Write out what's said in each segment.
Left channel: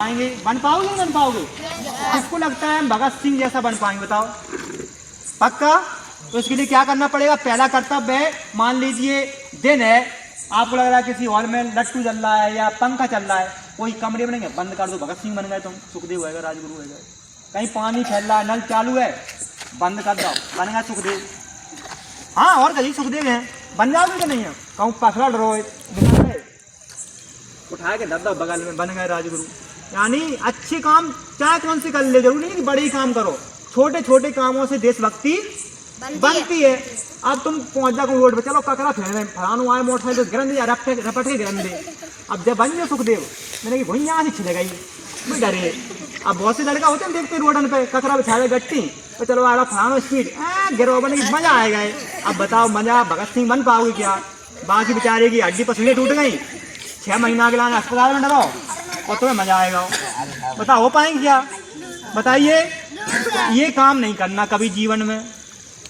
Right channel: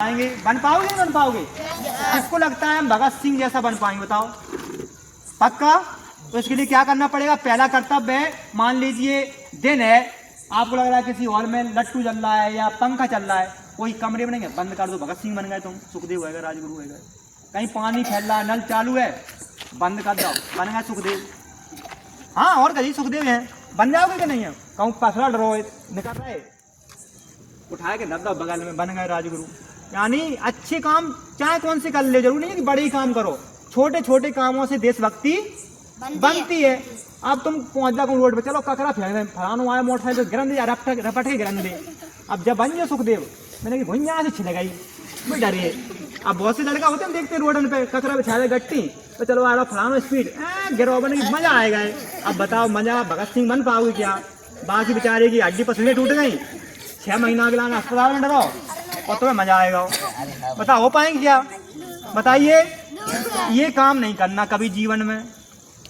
पाएंगे, बन पाओगे नहीं बन पाओगे? किसको लगता है हम भगत सिंह जैसा बन पाएंगे बताओ? पक्का? तो इसके लिए क्या करना पड़ेगा? पहला कर्तव्य है, मान लीजिए दिन है, आपको लग रहा है किसी हॉल में लट्टू चल रहा है या पंखा चल रहा है, कोई कमरे में नहीं, बंद कर दो, भगत सिंह बन गए तुम, सुखदेव होगा, राजगुरु होगा। कहीं पानी फैल रहा है, नल चालू है, बंद कर दो, बन गया सुखदेव। हाँ, और कहीं सुखदेव है, बन जाओगे कि नहीं है? कहूँ पथरा डरो उठाए के डर दो बगल में, बन गए राजगुरु। यानी अच्छे काम चाहे कौन से कर ले, जरूरी नहीं कि बड़े ही काम करो, छोटे छोटे कामों से देशभक्ति बनती है। अब तुम पहुंच जाओ रोड पे, चलो कचरा फेंक फलानो आए मोटरसाइकिल तो गिरन दे, रपट के गिरन दे। अब जब बन जाओ सुखदेव, मैंने कि भुइयाँ से छिल गई, मैं डरे। अब बहुत से लड़का होते हैं देखते रोडन पे कचरा बिछाया गट्टी तो चलो आ रहा फलानो स्पीड गिरो, बने की मजा आएगा। अब बताओ मजा भगत सिंह बन पाओगे क्या? बाकी बेचारे की हड्डी पसली टूट गई, 6 महीना के लाना अस्पताल में डरो और तुम्हें मजा आएगा। बताओ हो पाएंगे क्या? बताइए। ये काम नहीं करना कभी जीवन में।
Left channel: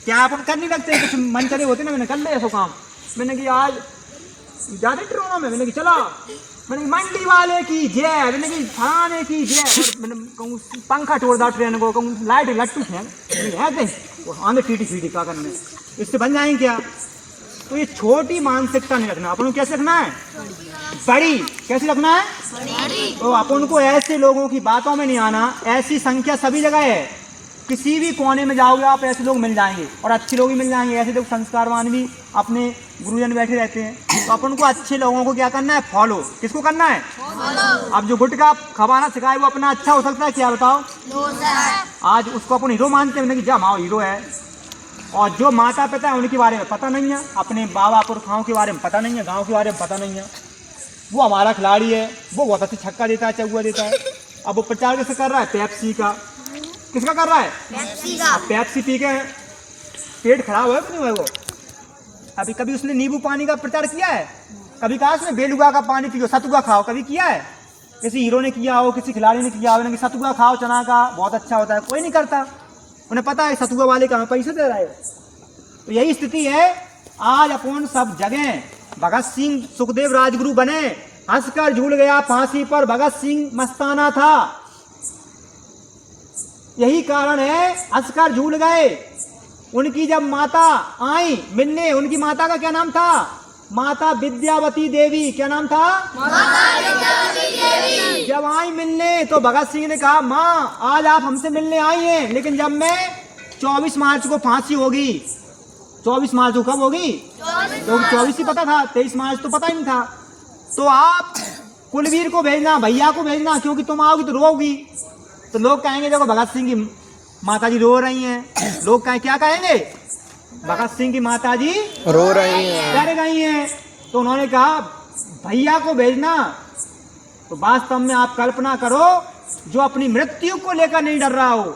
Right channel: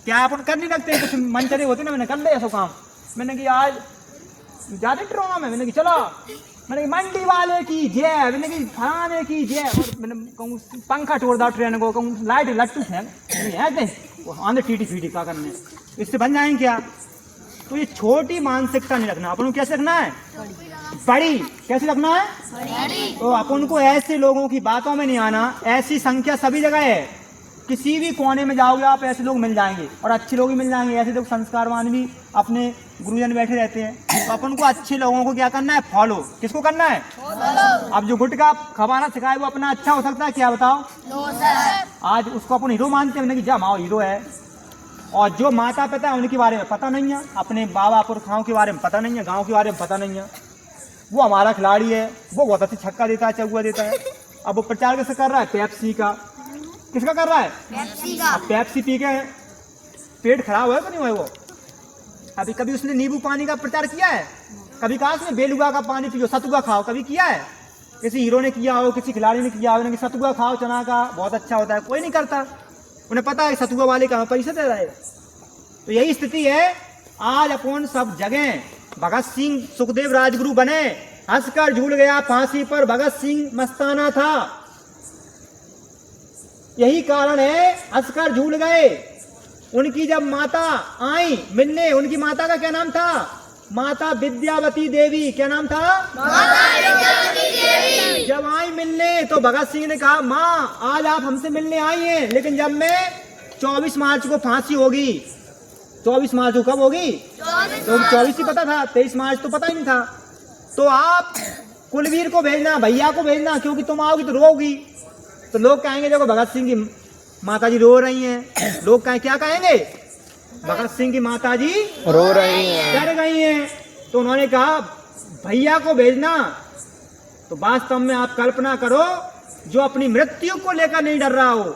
क्या अपन कर नहीं लगते? कुछ मनचले होते ना, मैंने कर ले ऐसा काम, मैंने कि आज ज्यादा ट्रोनो में, मैंने कि चला, मैंने कि मंडी वाले की जय, मैंने कि थाने की जय, मैंने कहूँ पंखा छोड़ दा ट्रेन को, कहूँ लाइट लट्टू फेंक आंधे टीटी फीटी का करने, इससे बन जाएंगे क्या? तो ये छोटी मानसिकता नहीं रखना, अपन को कैसे रखना है? बड़ी। कैसे रखना है? तो अपन को ऐसे लोगों की बातों में नहीं आना। ऐसी संख्या सभी जगह है, किसी भी कोने में जाओगे आप ऐसे लोग मिल जाएंगे, और अच्छे लोग ही मिल जाएंगे। ऐसे लोग संस्कारवान भी अपने गुरुजन बैठे रहते हैं। तो अपन को अच्छे लोगों को क्या करना है? फॉलो। किसको करना है? फॉलो। अब जो गुटखा खवाना सिखाए वो अपना अच्छा हो सकता है क्या? बताओ। आज उसको अपन हीरो मानते हैं, जा माओ हीरो है, और जो माता पिता है उनके बारे में पता नहीं है, अपने बाबा पुरखाओं के बारे में पता नहीं है, गाँव के बारे में पता नहीं है, वो हमारा खिलाड़ी है, वो बहुत अच्छी छक्का देता है, चौका देता है। अब वो प्रचार कैसे कर रहा है? पेप्सी का। किसका कर रहा है? पेप्सी का। पेप्सी पी के पेट खराब है कि नहीं हुआ वो? अभी कभी उसने नींबू पानी का प्रचार किया है? कभी कहा उसने बेलुगा का पानी पियो, सतुआ खाओ, कभी किया है? किसी हीरो ने किया हो, किसी खिलाड़ी ने किया हो कि सतुआ खाओ चना का, बहुत अच्छा होता है? कोई नहीं करता। उन्हें पता है सतुआ वाले का पैसे दे रहा है। तो यही स्थिति है आज। अपन सब जगह भगत सिंह सुखदेव राजगुरु बने, हंसकर झूल गया फांसी पर भगत सिंह मस्ताना था। यही कारण है, हंसकर झूल गए। उनकी जब माता आई मिलने, उनकी माता का क्या नाम था? माता विद्यावती देवी। क्या नाम था? माता विद्यावती देवी। जब आई मिलने तो भगत सिंह ने कहा, माँ आज आप हमसे मिलने आई हैं, लेकिन जब मैं 24 मार्च को फांसी होगी, 24 मार्च को कब होगी? तो 24 ही पता था, 23 मार्च तो पता ही नहीं था। तो आप कुलवीर को भेजना, भैया को भेजना, क्योंकि तुम आओगी तो रोगी। तो लोग कहेंगे देखो भगत सिंह की माता जी रो रही हैं। लोग कहें क्या कहेंगे? भगत सिंह की माता जी रो रही हैं, डर गई हैं। तो उन्होंने कहा भैया को भेजना। तो वास्तव में आप कल्पना करो, जो अपनी मृत्यु को लेकर नहीं डर रहा हो,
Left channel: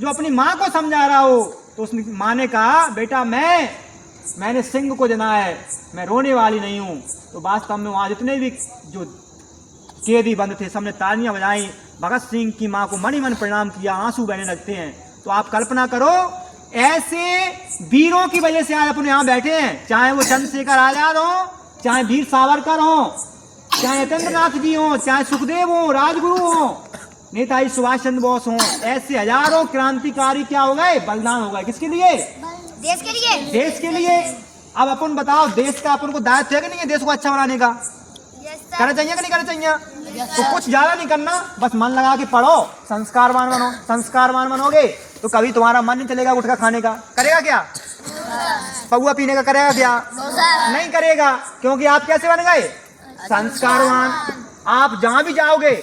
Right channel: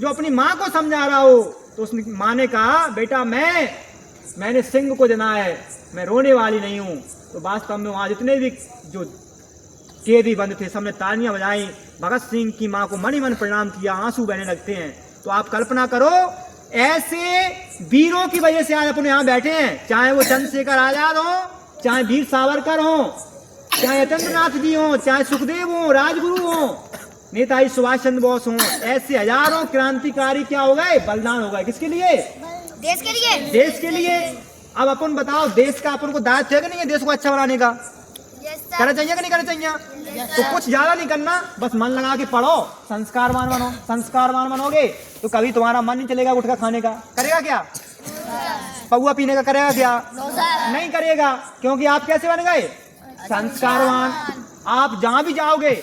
जो अपनी माँ को समझा रहा हो, तो उस माँ ने कहा बेटा मैंने सिंह को जना है, मैं रोने वाली नहीं हूँ। तो वास्तव में वहाँ जितने भी जो कैदी बंद थे सबने तालियां बजाई, भगत सिंह की माँ को मनी मन प्रणाम किया, आंसू बहने लगते हैं। तो आप कल्पना करो, ऐसे वीरों की वजह से आज अपने यहाँ बैठे हैं, चाहे वो चंद्रशेखर आजाद हो, चाहे वीर सावरकर हो, चाहे यतेंद्र नाथ जी हो, चाहे सुखदेव हो, राजगुरु हो, नेताजी सुभाष चंद्र बोस हो। ऐसे हजारों क्रांतिकारी क्या हो गए? बलिदान हो गए। किसके लिए? देश के लिए। देश के लिए। अब अपन बताओ, देश का अपन को दायित्व है कि नहीं है देश को अच्छा बनाने का? करना चाहिए कि नहीं करना चाहिए? तो कुछ ज्यादा नहीं करना, बस मन लगा के पढ़ो, संस्कारवान बनो। संस्कारवान बनोगे तो कभी तुम्हारा मन नहीं चलेगा गुटखा खाने का। करेगा क्या? पौआ पीने का करेगा क्या? नहीं करेगा, क्योंकि आप कैसे बन गए? संस्कारवान। आप जहां भी जाओगे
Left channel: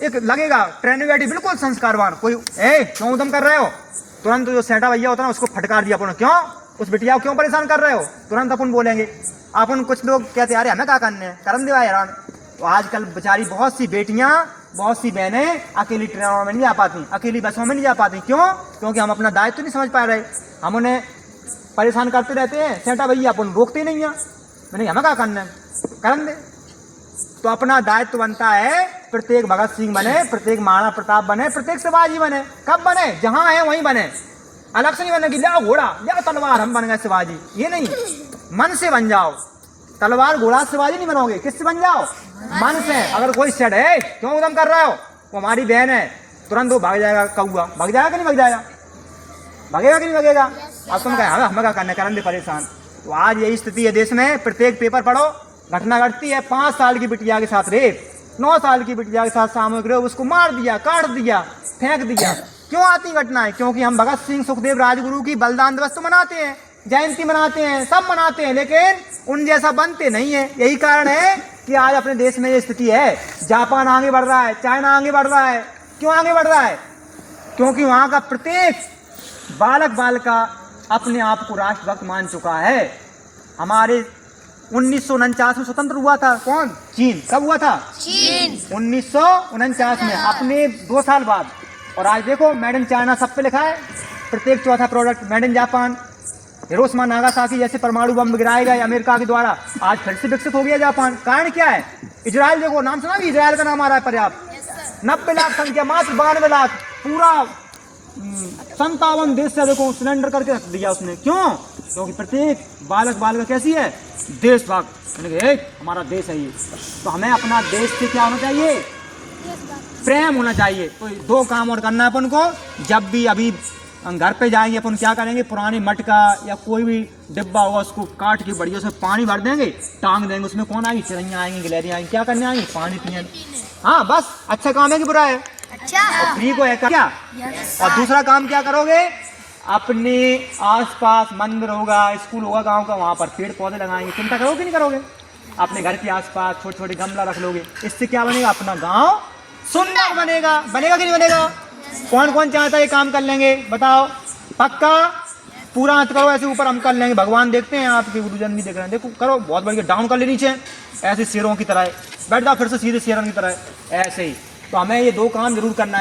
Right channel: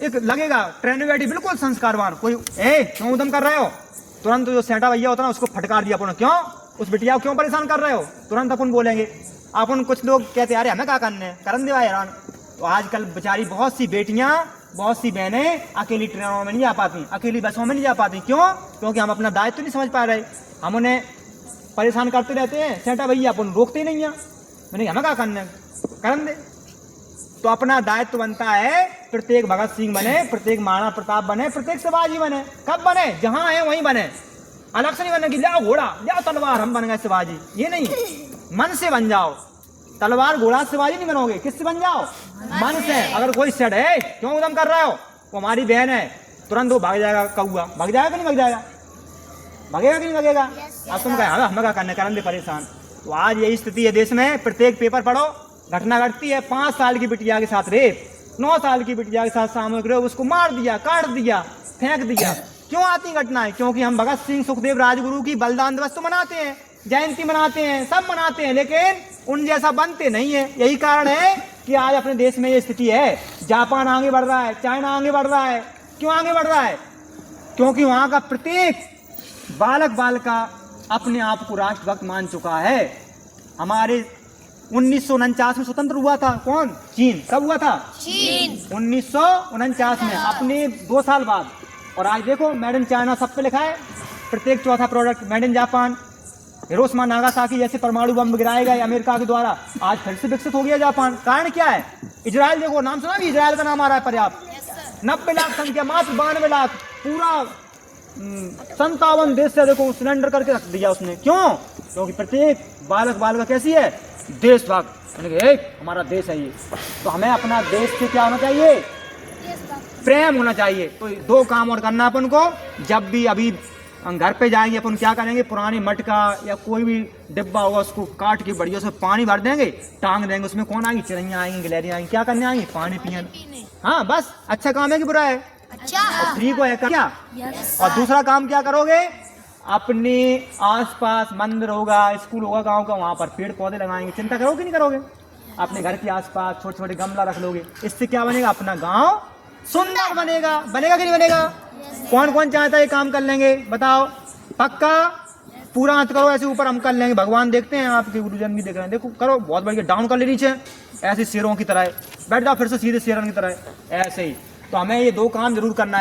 एक लगेगा ट्रेन में बैठी बिल्कुल संस्कारवान, कोई क्यों उधम कर रहे हो, तुरंत जो सेठा भैया होता है उसको फटकार दिया अपन, क्यों उस बिटिया को क्यों परेशान कर रहे हो, तुरंत अपन बोलेंगे। अपन कुछ लोग कहते हैं अरे हमें क्या करने हैं, करन दे यार। तो आजकल बेचारी बहुत सी बेटियां, बहुत सी बहनें अकेली ट्रेनों में नहीं जा पाती, अकेली बसों में नहीं जा पाती। क्यों? क्योंकि हम अपना दायित्व नहीं समझ पा रहे, हम उन्हें परेशान करते रहते हैं। सेठा भैया अपन रोकते नहीं है, मैंने हमें क्या करना है, करन दे। तो अपना दायित्व बनता है, प्रत्येक भगत सिंह बने, प्रत्येक महाराणा प्रताप बने, प्रत्येक शिवाजी बने। कब बने? जहां है वहीं बने। अलग से नहीं बने कि लिया घोड़ा लिया तलवार हम बन गए शिवाजी, ये नहीं। मन से बन जाओ। तलवार घोड़ा शिवाजी नहीं बनोगे, किससे बन जाओ? मन से। अगर कोई सेड है क्यों एकदम कर रहा हो, वो हमारी बहन है, तुरंत वो भाग जाएगा, कौआ भाग जाएगा कि नहीं भाग जाएगा, भागेगा कि नहीं भागेगा। अब तुम कहे हम क्या करने, करने परेशान। तो आज यही स्थिति है देश में। प्रत्येक पेपर पढ़ो, घटना घटती है। 5 साल की बिटिया के साथ रेप, 9 साल की बिटिया के साथ सामूहिक रेप, उसको मार दिया, काट दिया, फेंक दिया। क्यों आती घटनाएं? क्योंकि हम भगत सिंह सुखदेव राजगुरु की बलिदान दिवस तो मनाते हैं, जयंती मनाते हैं, सब मनाते हैं, लेकिन उन जैसा बनते नहीं है। यही कारण है कि आज अपने देश में ये स्थिति है। जापान आगे बढ़ रहा है, चाइना आगे बढ़ रहा है। क्यों आगे बढ़ रहा है? क्योंकि वहां का प्रत्येक बालक बालिका अपने आप को राष्ट्रभक्त मान चुका है। हमारे 1949 में स्वतंत्र हुआ था कौन? चीन। कब हुआ था? चीन 1949 में, अपने 2 साल बाद। और आज देखो मेड इन चाइना सब पे लिखा है, प्रत्येक चौथा product made in Japan. Hiroshima Nagasaki जैसे परमाणु बम गिराए गए अमेरिका के द्वारा, आज फिर से विकसित हो गया जापान। कारण क्या है? इजराइल। देखो नाम सुना भी, इजराइल का नाम आ रहा है पर्याप्त। 90 लाख संख्या, मात्र 92 लाख, पूरा 57 देश से देखो सिलेंडर करके रख दिया उसने। क्यों? क्योंकि प्रत्येक बालक बालिका कैसी है? देशभक्त। हमारा देश है ये, तो हमें अपना देश से क्या होना चाहिए? प्रेम होना चाहिए। तो 2 काम और करना अपन को। जब भी अभी घर पे जाएंगे अपन क्या करेंगे, पुरानी मटका या कोई भी डिब्बा होगा उसको काट के बढ़िया उसमें पानी भर देंगे, टांग देंगे। उसमें कौन आएगी? चिड़ैया आएंगी, गिलहरियाँ आएंगी। क्या करने आएंगी? पानी पिए। हाँ बस। अच्छा काम है कि बुरा है? अच्छा। फ्री को है क्या? और दूसरा काम क्या करोगे? अपने आसपास मंदिर होगा, स्कूल होगा गांव का, वहां पर पेड़ पौधे लगाएंगे। चिंता करोगे कि नहीं करोगे? अपने घर के आसपास छोटे छोटे गमला रख लोगे। इससे क्या बनेगा? अपना गांव सुंदर बनेगा। बनेगा कि नहीं बनेगा? कौन कौन चाहता है ये काम कर लेंगे? बताओ। पक्का? पूरा हाथ करो ऐसे ऊपर, हम कर लेंगे। भगवान देखते हैं, आपके गुरुजन भी देख रहे हैं। देखो करो, बहुत बढ़िया। डाउन कर ले नीचे, ऐसे शेरों की तरह बैठ जाओ, फिर से सीधे शेरों की तरह ऐसे ही। तो हमें ये 2 काम जरूर करना है।